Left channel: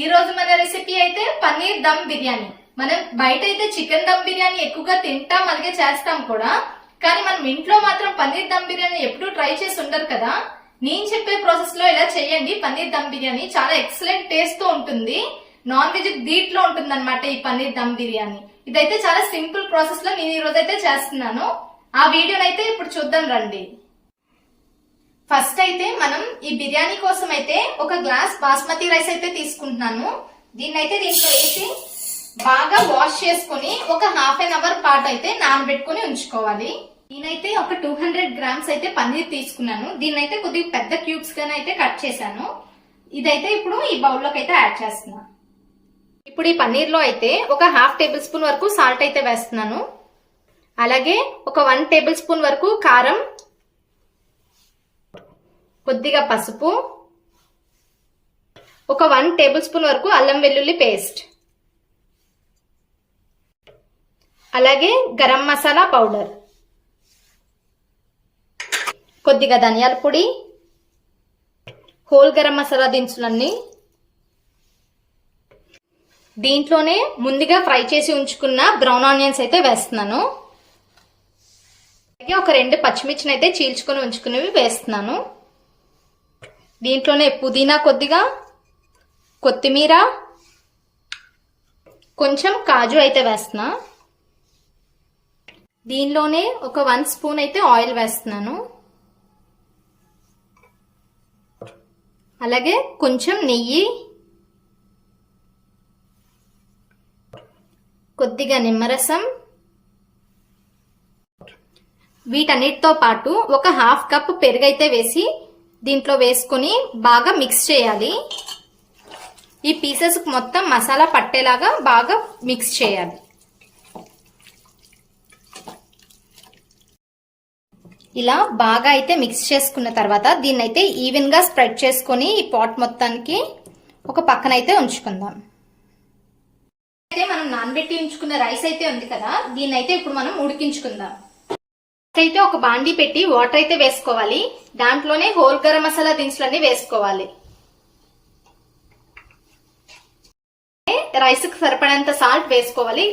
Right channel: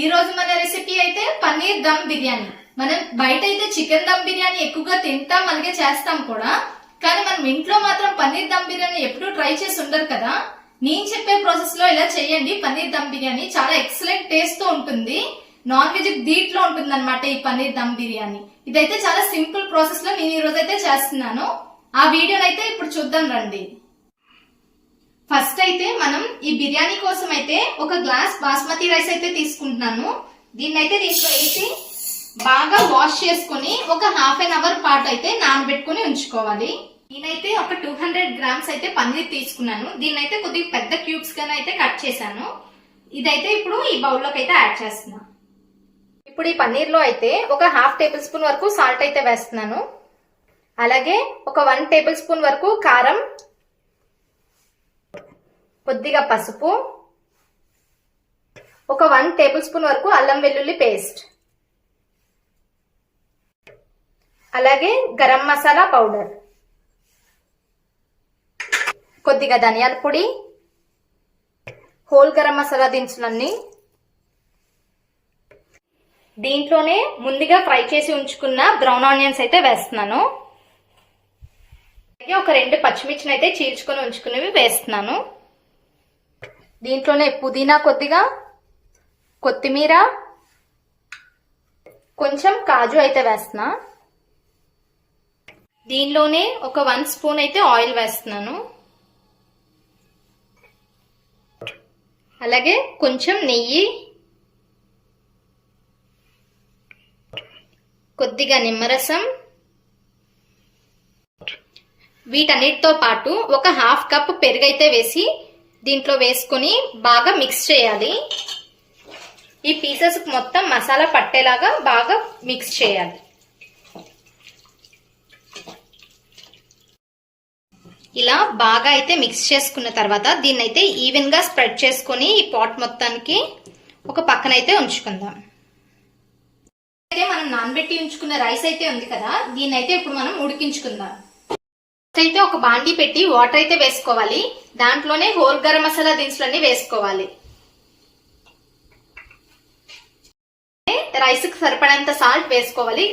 ఈ రోజు మన రెసిపీ అయితే పన్నీర్ దమ్ బిర్యానీ. మనం బయట అయితే చికెన్ దమ్ బిర్యానీ ఎక్కువగా తింటాం, అలాగే చేస్తాం కూడా. కానీ మనం ఇంట్లో మాత్రం పన్నీర్ దమ్ బిర్యానీ ఎప్పుడూ ట్రై చేసి ఉండరు కదా. నేను చెప్పే ప్రాసెస్ లో ఇలా చేయండి. పన్నీర్ దమ్ బిర్యానీ చాలా ఎక్సలెంట్ టేస్ట్ తో ఉంటుంది. నాన్ వెజ్ ధీట్లో ఉంటుంది అనమాట ఈ పన్నీర్ దమ్ బిర్యానీ. ఇదైతే చాలా సింపుల్ ప్రాసెస్ లో నేను ఈ రోజు అయితే చేస్తున్నాను. ఆ వీడియోనైతే ఇప్పుడు చూద్దాం రండి. ఫస్ట్ అయితే మనం ఈ బిర్యానీ కోసం అయితే ఒక గ్లాస్ బాస్మతి రైస్ అయితే తీసుకుంటున్నాను. దీన్ని అయితే దీంట్లో వేసి బాగా వాష్ చేసుకుని ఒక హాఫ్ అన్ అవర్ పాటు అయితే నానబెట్టుకుని ఉంచుకోవాలి. నేనైతే ఒక 200 గ్రామ్స్ అయితే పన్నీర్ తీసుకున్నాను. దీన్నైతే కొద్దిగా పెద్ద క్యూబ్స్ గానే అయితే కట్ చేశాను. ఇదైతే ఇప్పుడు ఈ బౌల్లోకి అయితే యాడ్ చేస్తున్నాను. ఇప్పుడు ఈ పన్నీర్ లో అయితే ఒక హాఫ్ టేబుల్ స్పూన్ వరకు సాల్ట్ అయితే వేస్తున్నాను. అలాగే ఒక 1 టేబుల్ స్పూన్ వరకు కారం, కొద్దిగా పసుపు, ఒక 1 టేబుల్ స్పూన్ వరకు అల్లం వెల్లుల్లి పేస్ట్, అలాగే గరం మసాలా పౌడర్, కొద్దిగా ధనియాల పొడి, హోల్ గరం మసాలా దినుసులన్నీ, దీంట్లోనే ముందుగా ఫ్రై చేసి ఉంచుకున్న బ్రౌన్ ఆనియన్స్ అయితే వేస్తున్నాను. అలాగే ఒక 2 పచ్చిమిర్చిని అయితే చీల్చుకొని ఉంచుకునేవి వేస్తున్నాను. దీంట్లోనే పుదీనా, కొద్దిగా కొత్తిమీర, కొంచెం కాజు అయితే వేస్తున్నా. దీనిలోనే ఒక 1 స్పూన్ అయితే ఆయిల్ వేస్తున్నాను. అలాగే కొంచెం నెయ్యి, కొద్దిగా నిమ్మరసం, వీటన్నిటితో పాటు ఒక హాఫ్ కప్ పెరుగు అయితే వేసి దీంట్లో వేసుకొని బాగా మిక్స్ చేయాలి. ఈ పీసెస్ మొత్తం మసాలా పట్టేలాగా బాగా మిక్స్ చేయాలి. ఇలా బాగా అయితే మిక్స్ చేసుకున్న తర్వాత దీన్ని అయితే ఈవెన్ గా స్ప్రెడ్ చేసుకొని ఈ పాట్ మొత్తానికి ఒక పక్కన అయితే ఉంచుకుందాం. అయితే మనం నానబెట్టి ఉంచుకున్న రైస్ అయితే ఉంది కదా, దీన్ని అయితే ఇప్పుడు మనం ఉడికించుకుందాం. అయితే ఒక బాండీ పెట్టి వాటర్ అయితే వేసుకోవాలి. దాంట్లోనే హోల్ గరం మసాలా దినుసులన్నీ వేసుకోవాలి. రైస్ కి సరిపడంత సాల్ట్ వేసుకోవాలి.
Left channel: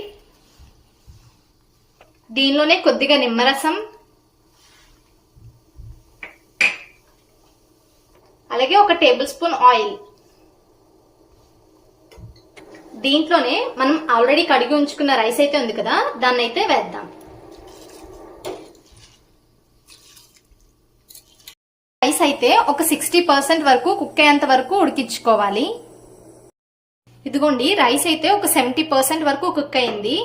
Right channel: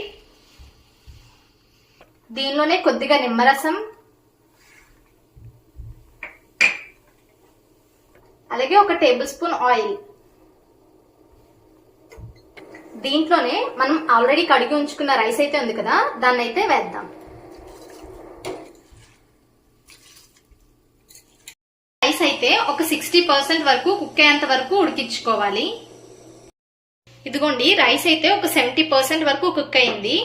దీనిలోనే కొద్దిగా నిమ్మరసం, అలాగే ఒక టేబుల్ స్పూన్ ఆయిల్, దీంట్లోనే మనం ఆల్రెడీ కడిగి ఉంచుకున్న రైస్ అయితే ఉంది కదా, దాన్ని అయితే వేద్దాం. రైస్ అయితే ఒక 60% వరకు కుక్ అయ్యేంత వరకు ఉడికించుకోవాలి. ఇదిగోండి, రైస్ అయితే ఒక 70% వరకు కుక్ అయింది.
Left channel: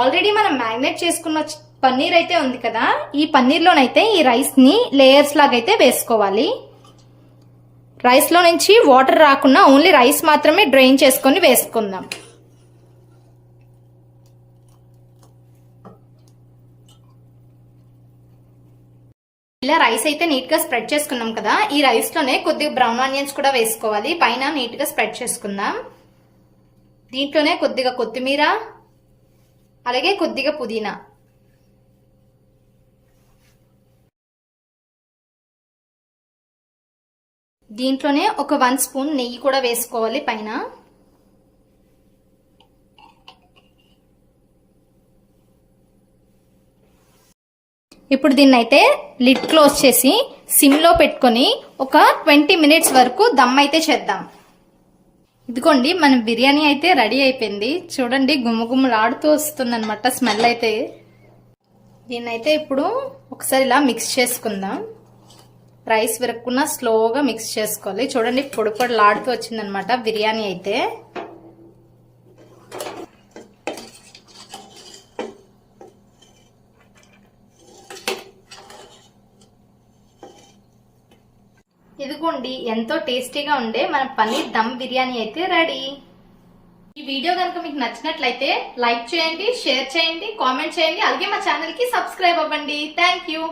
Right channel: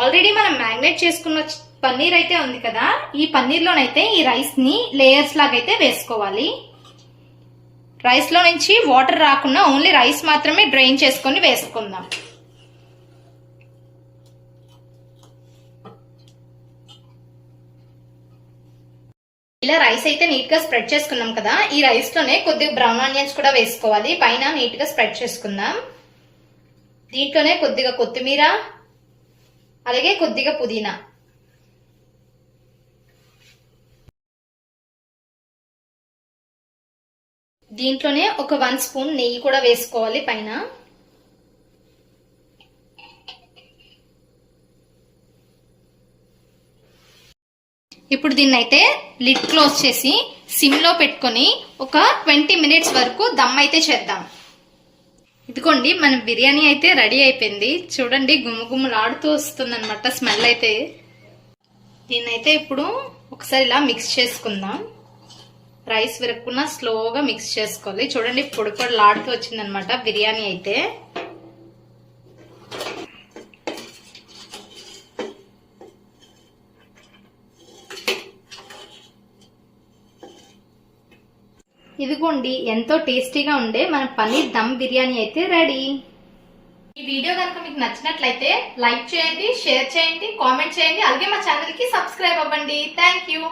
ఆల్రెడీ మనం మ్యారినేట్ చేసుకున్న పన్నీర్ అయితే ఉంది కదా, ఈ పన్నీర్ లోనైతే ఈ రైస్ ని లేయర్స్ లాగా అయితే వేసుకోవాలి. రైస్ లో నుంచి వాటర్ రాకుండా ఓన్లీ రైస్ మాత్రమే డ్రైన్ చేసుకొని వేసుకుందాం. ఇలా రైస్ అయితే నీట్ గా స్ప్రెడ్ చేసుకున్నాం కదా, ఈ రైస్ లోనే కొద్దిగా బ్రౌన్ ఆనియన్స్ కూడా వేసుకోవాలి. పైన నీట్ గా స్ప్రెడ్ చేసుకుందాం. దీంట్లోనే కొద్దిగా కొత్తిమీర, అలాగే కొద్దిగా పుదీనా, దీంట్లోనే ఒక 1 స్పూన్ నెయ్యి కూడా వేసుకోవాలి పైన. ఇప్పుడు దీన్ని అయితే లిడ్ క్లోజ్ చేసి సిమ్ లో పెట్టుకొని ఒక 20 మినిట్స్ వరకు దమ్ అయితే చేద్దాం. ఇదిగోండి, మన బిర్యానీ అయితే రెడీ అయిపోయింది. చూడండి, గుమ్మగుమ్మలాడుతూ వస్తుంది అనమాట స్మెల్ అయితే. దీన్నైతే ఇప్పుడు ఒకసారి ఇలా మిక్స్ చేసుకుందాం. రైస్ విరగకుండా స్లోగా మిక్స్ చేసుకోవాలి. చూడండి, పొడి పొడిలాడుతూ వచ్చింది అనమాట బిర్యానీ అయితే. ఇదిగోండి, ఎంతో టేస్టీగా ఉండే మన పన్నీర్ దమ్ బిర్యానీ అయితే రెడీ. ఈ వీడియో కనుక మీకు నచ్చినట్లయితే లైక్ చేయండి, షేర్ చేయండి, కామెంట్ చేయండి, అలాగే మా ఛానల్ కి సబ్స్క్రైబ్ అవ్వండి. Thank you.